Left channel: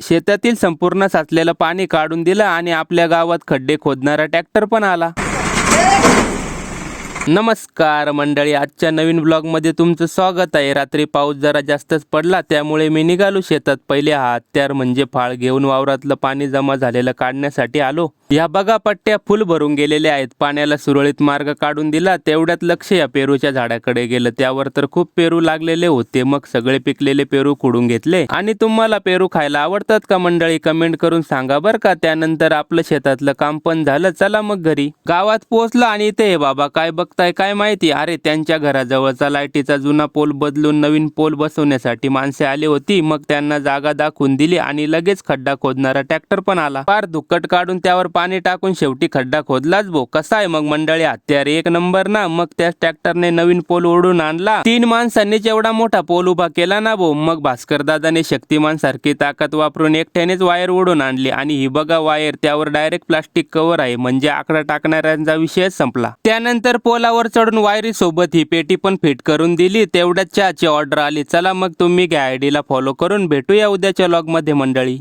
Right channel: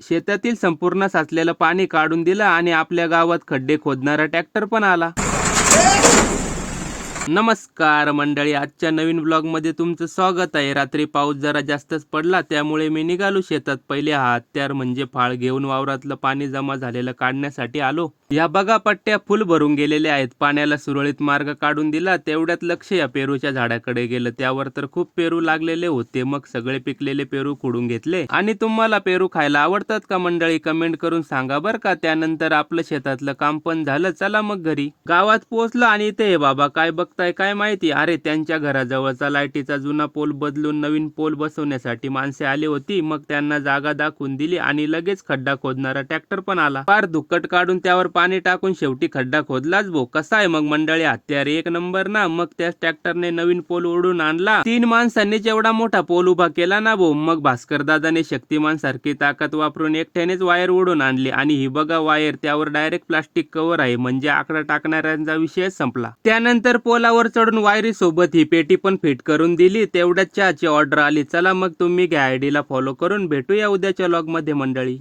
शेतातील संपूर्ण साचलेलं पाणी काढून दिलं आणि आपल्या गावात खड्डे खोदणारा ट्रॅक्टर पण आला. नमस्कार मंडळी, आजच्या नवीन ब्लॉगमध्ये तुमचं स्वागत आहे. रात्री पाऊस जरा जास्तच पडला, त्यामुळे मी निघालो शेतात. पहिले हा हत्यार म्हणजे फाळ घेऊन वावरातलं पाणी जमा झालेलं काढण्यासाठी आलो. या बघा, पट्ट्या फुल भरून गेलेल्या आहेत. पाण्याला सुरळीत मार्ग काढून दिला. तेवढ्यात लक्ष या पेरूच्या झाडाकडे गेलं. त्यावर तर खूप पेरू लागलेले होते. मग सगळे पिकलेले पेरू खुडून घेतले. आणि तुम्हाला पेरू खायला आवडतात का मंडळी? कमेंट करून सांगा बरं का. त्यानंतर आपलं शेतातलं काम पण झालं. चला मग घरी. गावात पोहोचलो आणि इथे हे बाबा काय बघताय काय माहिती? अरे, त्यांच्या घराजवळचा लाईटीचा जुना पोल बदलून नवीन पोल बसवण्यासाठी माणसे आली होती. मग त्यांना जागा दाखवून दिली आणि लगेच खड्डा खोदणारा ट्रॅक्टर पण आला. फार दुक्कट काढून त्यावर पाणी टाकून शेवटी खड्डा खोदलाच भो. कसा आहे मग मंडळी हत्यार? एक नंबर ना. मग त्या ट्रॅक्टरने नवीन पोल ओढून आणला. 3 माणसांनीच एवढा मोठा पोल उभा केला ना भो. मग भास्कर दादाने शक्तिमान सारखी ताकद वापरून एकट्यानेच वायर ओढून आणली. आणि ही बघा वायर, त्यावर डायरेक्ट प्लास्टिक कव्हर आहे. म्हणजे आकडा टाकणाऱ्यांचा विषय संपला. त्यानंतर पोलावर चढून वायरी सोबत ही पेटी पण फिट करून दिली. तेवढ्यात चहाची ऑर्डर आली. चला मग तुम्ही घ्या आयडीला फॉलो करून. भेटूया उद्याच्या व्लॉग मध्ये मंडळी.